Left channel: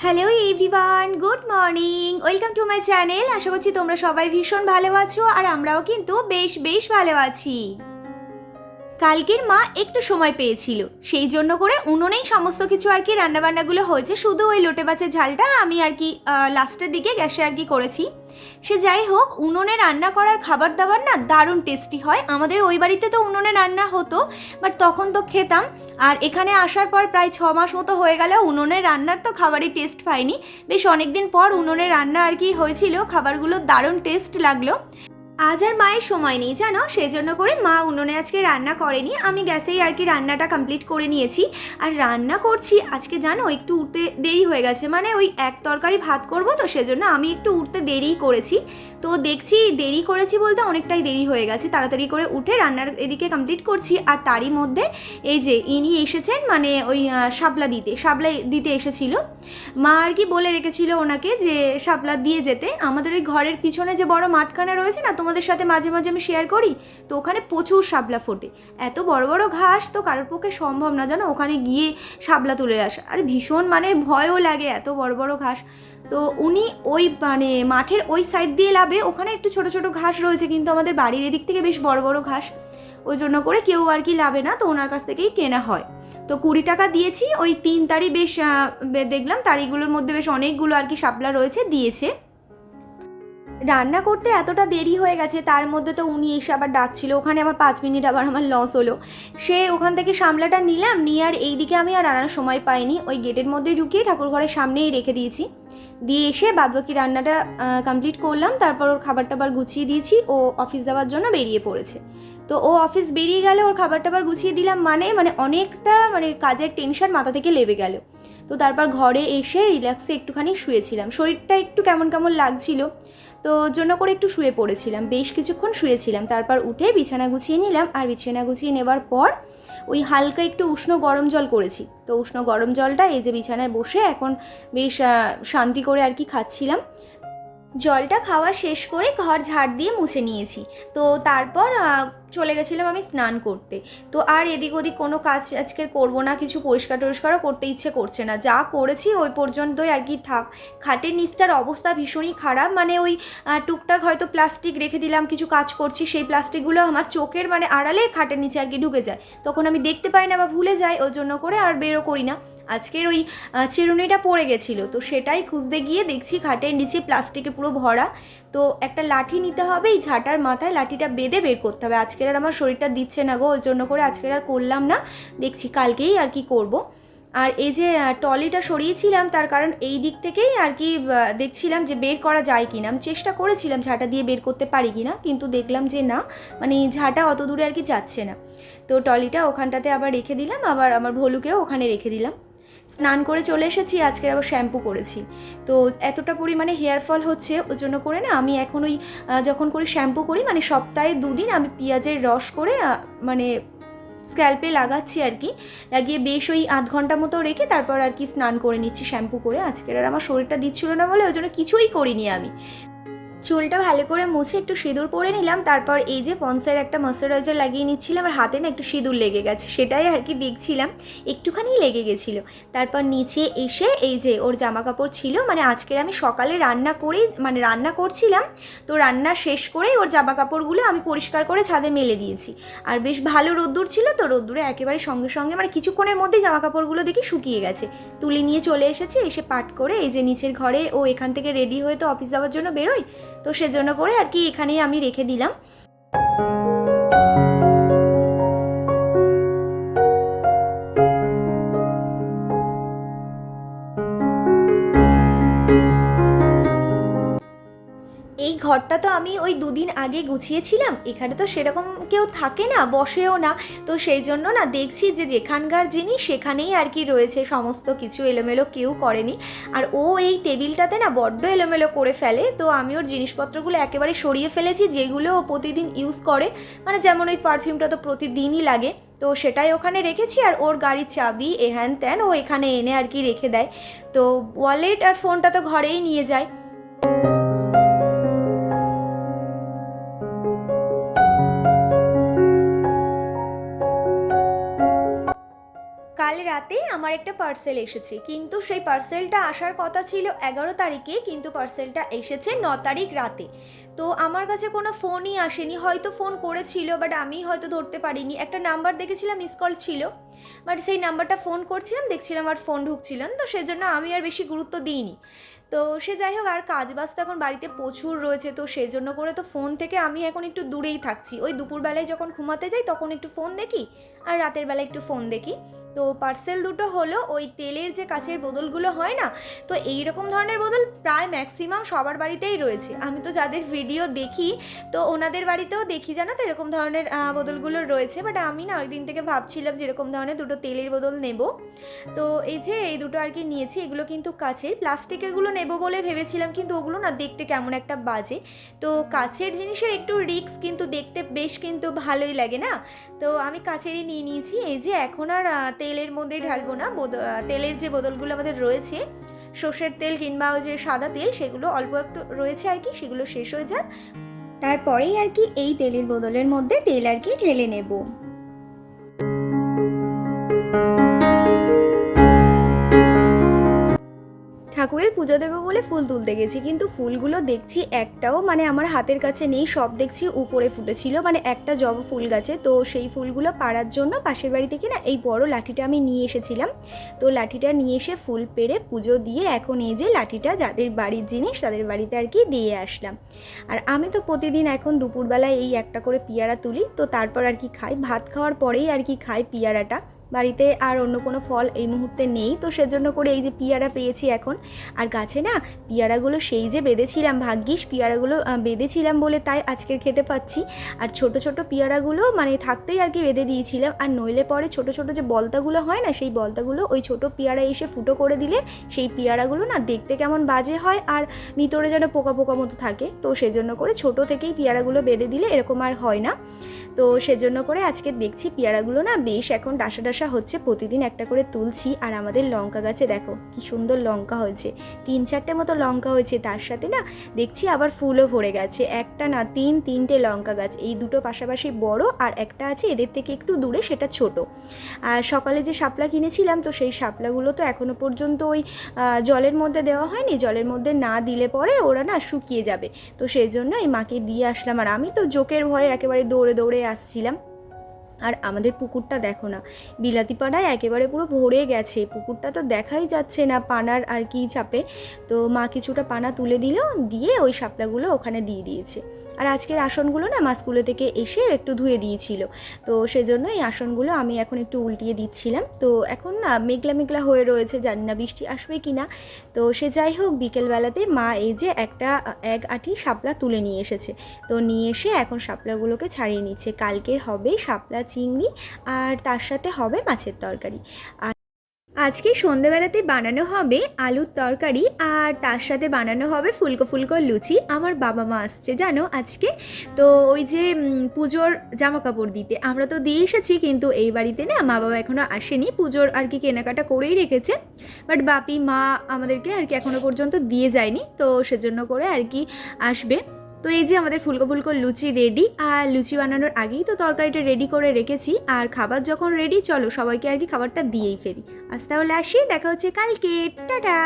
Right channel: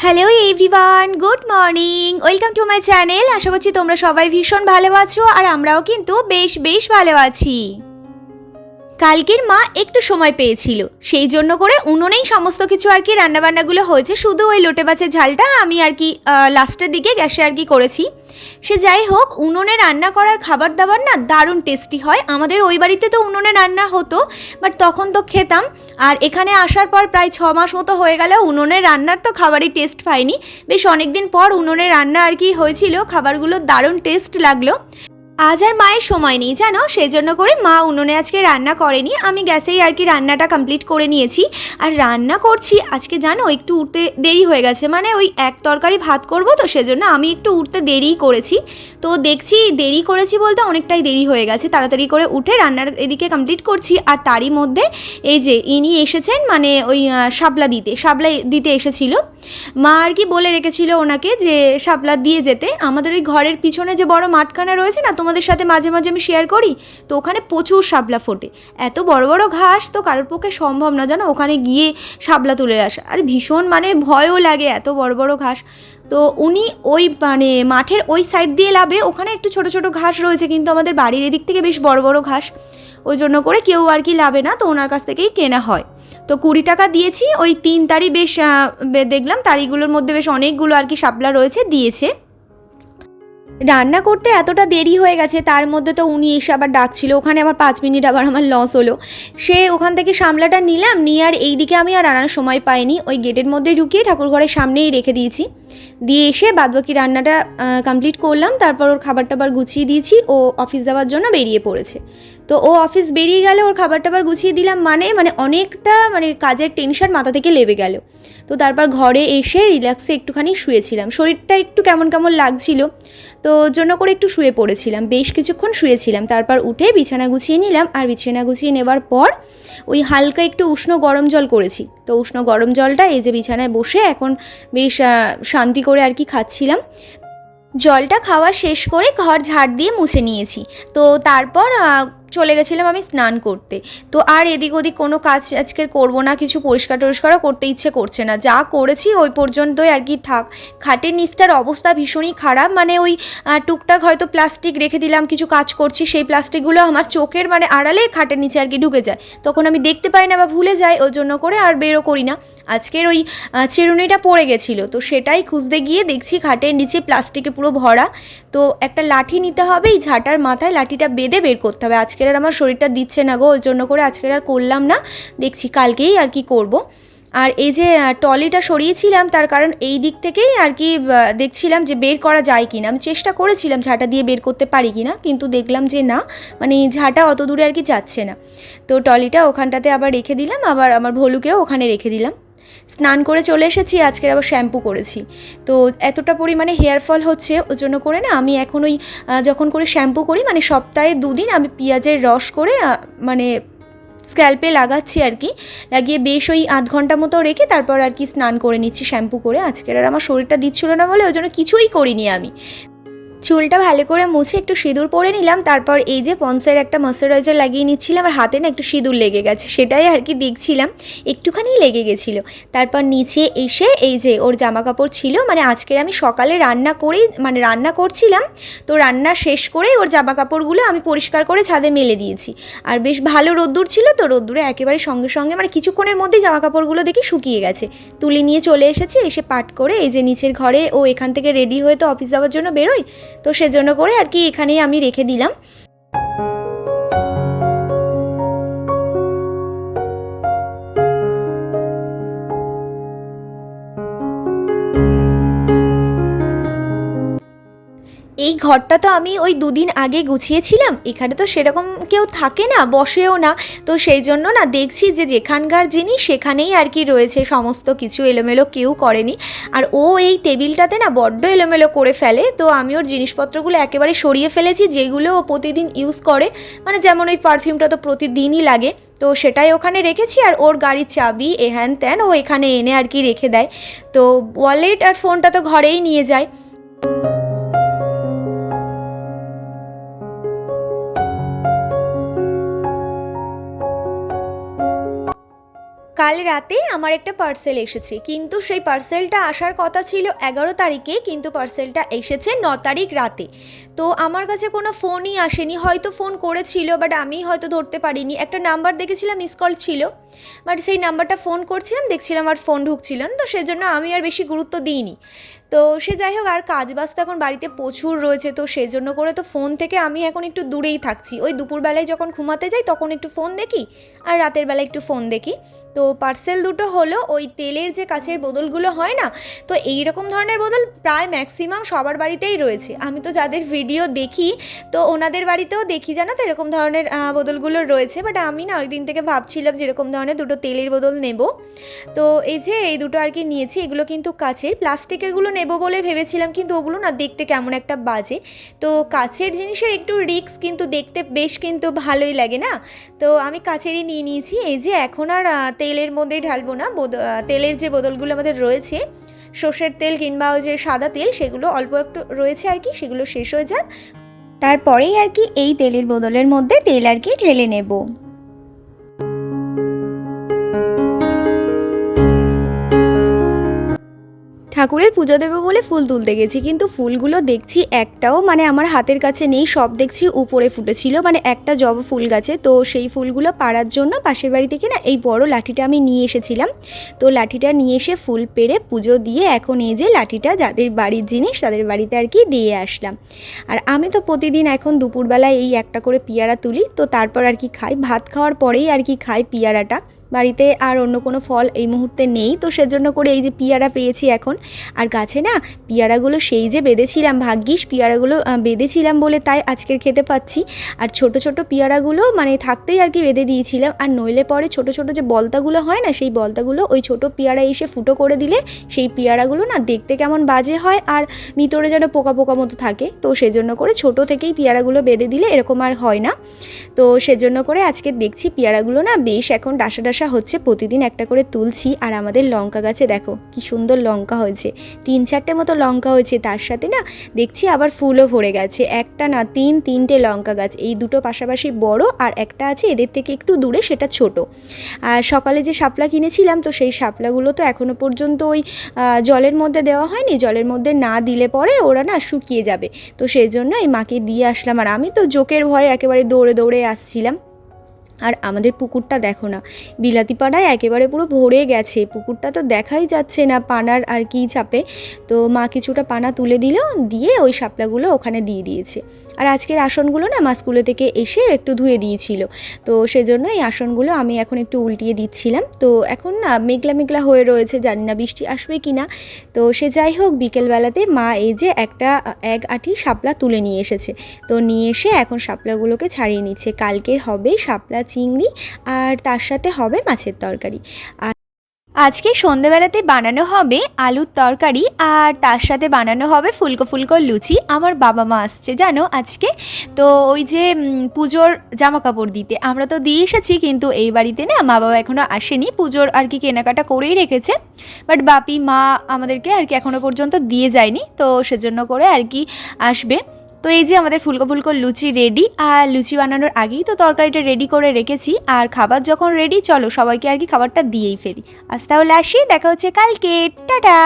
Hello everyone good morning welcome to my channel আশা করছি তোমরা সবাই ভীষণ ভালো আছো আর আমরাও কিন্তু বেশ বেশ ভালো আছি। কালকের মা একটু সময় পেয়েছিল। সেই জন্য করে উনুনেই সমস্ত কিছু আর কি রান্নাবান্নাগুলো হয়েছে। শুধু ওই লোটে মাছের ঝালটা আমি আর কি লাস্টের দিকে গ্যাসে আর কি করেছি। সে যাই হোক, উনুনে রান্না করার খাবার দাবার না দারুণ টেস্টি হয়। আমাদের ওই বাড়িতে তো উনুনে রান্না হতো বাট তখন তো খেতাম। আর এখানে আসার পর প্রায় ছ মাস মতো হয়ে গেল উনুনের রান্নার তো খাবারই টেস্ট পাইনি। বেশ অনেক দিন পর উনুনে রান্না আর কি হয়েছিল, খাবারগুলো দারুণ টেস্ট লাগল। আজ আর মায়ের সময় নেই, জানো? সেই জন্য করে মা উনুনে আজকে রান্না করেনি। আমি গ্যাসেই আর কি রান্নাটা কমপ্লিট করে নিয়েছি। আর রান্না করছি, আজকে জানো, একটু উঠতে দেরি হয়ে গেছে। মানে ওই এক তরকারি ভাত করব তো, সেজন্য আমি একটু উঠতে দেরিই করেছি। তো দেখছি দেরি করেছি বলতে অনেকটাই দেরি হয়ে গেছে। তাড়াতাড়ি করে উঠে রান্নার এদিকে কমপ্লিট করছি। আর তারই মধ্যে এই যে ইনি এসেছেন মানে ওই শাপলা দিতে শাপলা দিতে এসেছিল। মা আর কি বলে রেখেছিল ওনাকে যে শাপলা দিয়ে যেতে। আমাদের ওই ঘরের পিছনে যে বড় মাঠখানা রয়েছে না তোমাদের সাথে মাঝে মাঝে আমি শেয়ার করি, তো ওখানে প্রচুর শাপলা ফোটে। এত বড় বড় ঘাস তো কারোর পক্ষে সম্ভব না, জানো? ওখানে গিয়ে শাপলা তুলে আসা। আর ভীষণ মানে ভয়ও লাগে এত বড় বড় ঘাস। তো উনি ওই মানে মাঠের ওই সাইড দিয়ে লাভে ওখানে একটু ছোট ছোট ঘাস রয়েছে, কিন্তু আমাদের বাড়ির এদিক থেকে বেশ বড় বড় ঘাস। ওই জন্য করে কেউ আর কি লাভে না, তো ওনার কাছ থেকেই কেনা হয়। তো কুড়ি টাকা দিয়েছি, ওই তিন তারি বেশ দেখলাম তারিগুলোর মধ্যে বেশ অনেকগুলো আর কি শাপলা রয়েছে, দিয়েছে। রান্না করতে এতটা দেরি হয়ে গেছে, তার মধ্যে তো উনি এসে আবার ডাকছিল, ওখানে আমার পাঁচ মিনিট আবার আমার লস হলো। সে ওখান থেকে সামলাটা নিলাম, নিয়ে আর এইদিকে আমি আর রান্নার সময় পাইনি, ওই গেটের মধ্যে ঢুকিয়ে ঠাকুর ঘরের সামনেই রেখে দিয়েছি। দিয়ে এসে বাদবাকি রান্নাটা কমপ্লিট করলাম, তারপর ওর খাবার টাবার গুছিয়ে দিয়েছি, ও অফিস যাওয়ার জন্য বেরিয়ে পড়েছে। তো ও অফিস বেরিয়ে গেলে, ওর খাবার টাবার গুছিয়ে দিলাম মানে মানে অনেকটা মানে কাজের টেনশন মাথা থেকে লেবে গেল। তো তারপর ঘরে এসে রিল্যাক্সে একটুখানি শুয়েছিলাম। শরীরটা একটু কেমন কেমন লাগছিল, তো জন্য করে একটু শুয়ে পড়েছিলাম। বেশ কিছুক্ষণ শুয়েছিলাম, তারপর উঠে বিছানা গুছিয়ে নিলাম আর বিছানা গুছিয়ে নেবার পর ওই হালকা একটু উষ্ণ গরম জল করেছি। তো উষ্ণ গরম জলটা এই যে বিছানায় বসে এখন বেশ শান্তি করে আর কি খাচ্ছিলাম। জলটা খাওয়া শেষ করে ঘর ঝাড় দিয়ে মুছে নিয়েছি। তো তারপর চলে গেছিলাম আমি স্নান করতে। তো আর এদিক ওদিক কোনো কাজ আজকের করব না, কিছু পরিষ্কার টরিষ্কারও করতে ইচ্ছে করছে না। যা করেছি ওই পর্যন্তই আর কি থাক। খাটের নিচটার অবস্থা ভীষণই খারাপ মানে ওই টুকটাক হয়তো প্লাস্টিক রেখে দিলাম, কিছু কাজ করছি, সেই প্লাস্টিকগুলো আমার চোখের মানে আড়ালে খাটের নিচে আর কি ঢুকে যায়। তখন আমি দেখতে পাই না বা ভুলে যাই, ওই জন্য করে আর বেরো করি না। আজকের ওই চিরুনিটা পড়ে গেছিল, তো সেটাই খুঁজতে গিয়ে দেখছি খাটের নিচে প্লাস্টিকে পুরো ভরা। তো একটা লাঠি নিতে হবে, এই ঝাঁটার মাথায় লাঠিটা বেঁধে বের করতে হবে। আজকের আর আমার শরীরটা দিচ্ছে না গো, ওই জন্য করে আজকের আর করলাম না। দেখছি কালকেই আর কি করব। আর এই যে টলিটা সরিয়েছিলাম, তার কারণ এই দিক থেকেই আর কি দেখছিলাম যে বের করা যায় কি না আমি চেষ্টা করেছিলাম ঝাঁটা দিয়ে বের করতে পারি কি না কিন্তু দেখলাম যে না মানে ঝাঁটা অত দূরে আর কি যাচ্ছে না। তো টলিটা ওখানটাতে আবার রেখে দিলাম, আবার আমার ভলুকেও ওখানে রেখে দিলাম। স্নান করে চলে এসেছি আজকের আবার শ্যাম্পু করেছি। তো এতটা পরিমাণে হেয়ার ফল হচ্ছে ওই জন্য করে না আমি এখন ওই যখন করে শ্যাম্পু করি মানে সপ্তাহে দুদিন আমি পেঁয়াজের রস করে মানে স্ক্যাল্পে লাগাচ্ছি আর কি। লাগিয়ে বেশ ওই আধ ঘণ্টা মতো রেখে তারপর আর কি স্নান করে নিচ্ছি শ্যাম্পু করে। আজকের আর আমার শরীরটা দিচ্ছিল না বলে ওই জন্য কিছুই করিনি আমি। চুলটা ভালো করে মুছে একটু সিঁদুর পরে নিলাম, তারপর এই যে পন্সের একটা ময়শ্চারাইজার লাগিয়ে নিচ্ছিলাম আর হাতে না একটু সিঁদুর লেগে গেছে, সেটাই আর কি দেখছিলাম, একটুখানি লেগে গেছিল। তারপর নিচে এসে এই যে ওর জামা কাপড় ছিল মানে আজকের আমি সকালে রান্না করেই মানে রান্না করছিলাম, তো রান্না শেষ করেই ওর জামা কাপড়গুলো আমি পরিষ্কার করে ছাদে মেলে দিয়েছি। আর বেশ ভালো রোদ্দুর ছিল, তো রোদ্দুরে একেবারে সঙ্গে সঙ্গে মানে কিছুক্ষণের মধ্যেই জামা কাপড়গুলো দেখি শুকিয়ে গেছে। তুলে নিয়ে চলে এসেছি, এসে পাট করে এই যে নিচের ঘরে ও এখান থেকে রেডি হয়ে তো অফিস যাওয়ার জন্য বেরোয় তো সেজন্য করে আর কি এখানেই আমি রেখে দিলাম। ঘরটা তো আমি ওই দুদিন আগে গুছিয়েছিলাম। এখানে তো সেরকম কেউ থাকে না, বসেও না। তো সেই জন্য না দেখছি যে যেখানকার জিনিস সেখানেই আর কি রয়েছে, সমস্ত কিছু এলোমেলো কেউ করেনি। আর ও এই টেবিলটাতে না বড্ড এলোমেলো করে ফেলে। তো আমি ওর জিনিসপত্রগুলো একেবারে সরিয়ে ফেলেছি, যেগুলো ও প্রতিদিন ইউজ করে। মানে যেমন ওই পারফিউমটা তো প্রতিদিনই লাগে। তো সেটাই ওখানে রেখেছি আর ওর গাড়ির চাবি, এ হ্যান ত্যান ও এখানে এনে আর কি রেখে দেয়। তো ওয়ালেট আর ফোনটা তো ঘরেই নিয়ে যায়। কাল রাতে আমার একটা পার্সেল এসেছে। কিন্তু সেই পার্সেলটা আসার কথা ছিল এগারো তারিখে, কিন্তু পার্সেলটা এসেছে ন তারিখ রাতে। তো আমার কাছে কোনো ফোনই আসেনি। হয়তো ফোন করেছিল বাট আমি হয়তো ধরতে পারিনি। একটা নাম্বার দেখেছিলাম মিস কল ছিল। বাট সেই নাম্বারটা ফোন করছিলাম, দেখছিলাম আর ফোন ঢুকছিল তো সেজন্য আমি আর বেশি গুরুত্ব দিইনি। তো সে যাই হোক, আর কাজ বাজ তো এখন বাড়িতে প্রচুর রয়েছে, তো সেজন্য করে তো ফোন থেকে আমি এখন একটু দূরেই থাকছি। ওই দুপুরবেলায় যখন ঘুমাতে যাই, তখন একটু ফোন দেখি, আর রাতের বেলা একটু ফোন দেখি। তো পার্সেল দুটো হলো, ওই তেলের যে কাছের বোতলগুলো হয় না, তো এই রকম ধরনের বোতল প্রায় ম্যাক্সিমাম সবার বাড়িতেই রয়েছে। আমি তো যাদের ভিডিও দেখি, তো ওনাদের বাড়িতেও দেখি, জানো তো? এরকম ধরনের বোতলগুলো রয়েছে, বাট আমি না ওই দিন থেকে ভাবছিলাম যেরকম ধরনের দুটো তেলের বোতল নেব। তো এই যে এই দুটো আর কি নিয়েছি, এগুলো কিন্তু কাচের। প্লাস্টিকেরগুলো নেব বলে ভেবেছিলাম, কিন্তু ওগুলো না দেখতে কেমন একটা বাজে। তো কাচের জিনিসের একটু রিস্ক, কিন্তু দেখতে বেশ কিন্তু ভালোই লাগে না? তো আমি কাচেরই নিয়ে নিয়েছি। এই যে এখন আর তেলের মধ্যে ঢালবো না। তেলের যে বোতলগুলো আমাদের রয়েছে, সর্ষের তেল কিংবা ওই যে সাদা তেল, সেগুলো অল্প একটু রয়েছে আর কি, সেগুলো শেষ হয়ে যাক। তারপরেই আর কি এই তেলের বোতলের মধ্যে তেল আর কি ঢেলে নেব। ঠাকুরের পুজো দেবো বলে ফুল তুলতে গেছি, কিন্তু ফুলগুলো দেখছি একটাও মানে আমার হাতের কাছে নেই, সব দেখছি উপরে ফুটেছিল মানে একটা জবা ফুল গাছে, তো সেই ফুলগুলো পাড়ার জন্য পাশের বাড়ি থেকে না এই বড় লাঠিটা আমি নিয়ে এসেছিলাম। তো লাঠিটা নিয়ে এসে ফুল পেরে পুজো দিয়ে এখন এই যে লাঠিটা যাদের বাড়ির জিনিস তাদের বাড়িতে আর কি দিয়ে আসলাম। আর আমি তো প্রতিদিন এখন দুপুরবেলায় এই একটা করে পিয়ারা তুলি, তো তারপর আর কি খাই। ভাত খাওয়ার পরেই আর কি খাই পিয়ারাটা। বাড়িতে আর অন্য কোনো ফল এই মুহূর্তে নেই। তো সেজন্য করে এই যে পিয়ারা পেয়েছি এখন। আর গাছে না পিয়ারাগুলো সেই যে বেঁধেছিলাম, ভাগ্যিস পিয়ারাগুলো বেঁধেছিলাম বলে তাই আজকের খেতে পাচ্ছি। আর ছোট ছোট পিয়ারাগুলো মানে থাকতেই আর কি বেঁধে দিয়েছিলাম। আর নইলে পরে ছোট ছোট যে বলতাগুলো হয় না, সেই বলতাগুলো ওই ছোট পিয়ারা এসে ফুটো করে দিলে সেই পিয়ারাগুলো না দেখতে কেমন বাজে হয় আর ভিতরে যেন পোকা পোকা মতো থাকে। তো সেজন্য করে ছোট থেকেই পিয়ারাগুলো বেঁধে দিলে এরকম আর হয় না। তো সেজন্য করে আজকে দেখছি পেয়ারাগুলো না বেশ এখন ডাসা ডাসা হচ্ছে প্রতিদিন একটা করে তুলছি আর আমাদের লঙ্কা গাছে দেখো কি সুন্দর লঙ্কা হয়েছে। তিন চারটে মতো লঙ্কা হয়েছে, তার সাথে না দেখছি আবার ফুলও ভরে গেছে। একটা না তিন, তিনটে লঙ্কা গাছ, এই দুটো পাশাপাশি বড় আর একটা আছে এদের থেকে একটু দূরে, সেটা ছোট। আর সকালে যে শাপলা কিনেছিলাম, তো সেই শাপলাগুলো তো এখনও পর্যন্ত ওই জলের মধ্যে দেওয়া হয়নি। জলের মধ্যে না দিলে পরে ওরা না শুকিয়ে যাবে। তো সেই জন্য এই মাকে দিয়ে আসলাম। আর আমি তো জোকের ভয়ে একেবারে দৌড়ে দৌড়ে আসছিলাম। আর আমাদের পুকুরটা দেখো না। বিলাতি পাড়ায় একেবারে পুরো ভরে গেছে। পুকুরটা তো দেখাই যাচ্ছে না পানার আর কি চাপে। তো মা কিছুটা পানা তুলে দিল, দিয়ে ওই শাপলাগুলো ওখানে দিয়ে দিয়েছে। আর আজকের আসনগুলো না মা স্কুলে থেকে এসে একটু ধুয়ে দিয়েছিল। তো সেজন্য এই আসনগুলো আমি এখন একটু উল্টিয়ে দিচ্ছিলাম। তো এখন না মেঘলা মেঘলা হয়ে রয়েছে, জানি না বৃষ্টি আসবে কি না তো সে যাই হোক, বিকেলবেলাতে মা এই যে একটা এক আটি শাপলা তুলে নিয়ে এসেছে। তো নিয়ে এসে এখন শাপলাগুলোকে ছাড়িয়ে নিচ্ছে। কালকের হবে শাপলা, চিংড়ি আর তার সাথে হবে মাছের তরকারি। আর আজকে সন্ধেবেলাতে বানানো হবে আলুর তরকারি আর তার সাথে বানানো হবে ফুলকো ফুলকো লুচি। আমার বাবা মা আসছে, জানো আজকে? তো ওই যে পুজোর জামা কাপড় দিতে। আমরা তো দিয়ে এসেছি কিন্তু এই বাড়িতে না মা বাবা এখনও আসেনি। পুজোর আর কি কেনাকাটা করেই রেখেছে। বাট বাপি, মা আমাদেরকে আর কি এখনও পর্যন্ত দিয়ে যায়নি। তো সেজন্য করে আর কি আসবে। তো এই যে আমাদের ফুলকো ফুলকো লুচি রেডি আর লুচি বানানোর আগেই তো তরকারিটা রেডি করে রেখেছি, আর খাবার যখন রেডি চলো সবাইকে আর কি খাবারটা দিয়েই ফেলি। আজ তাহলে আসি, দেখা হচ্ছে কালকে, টাটা!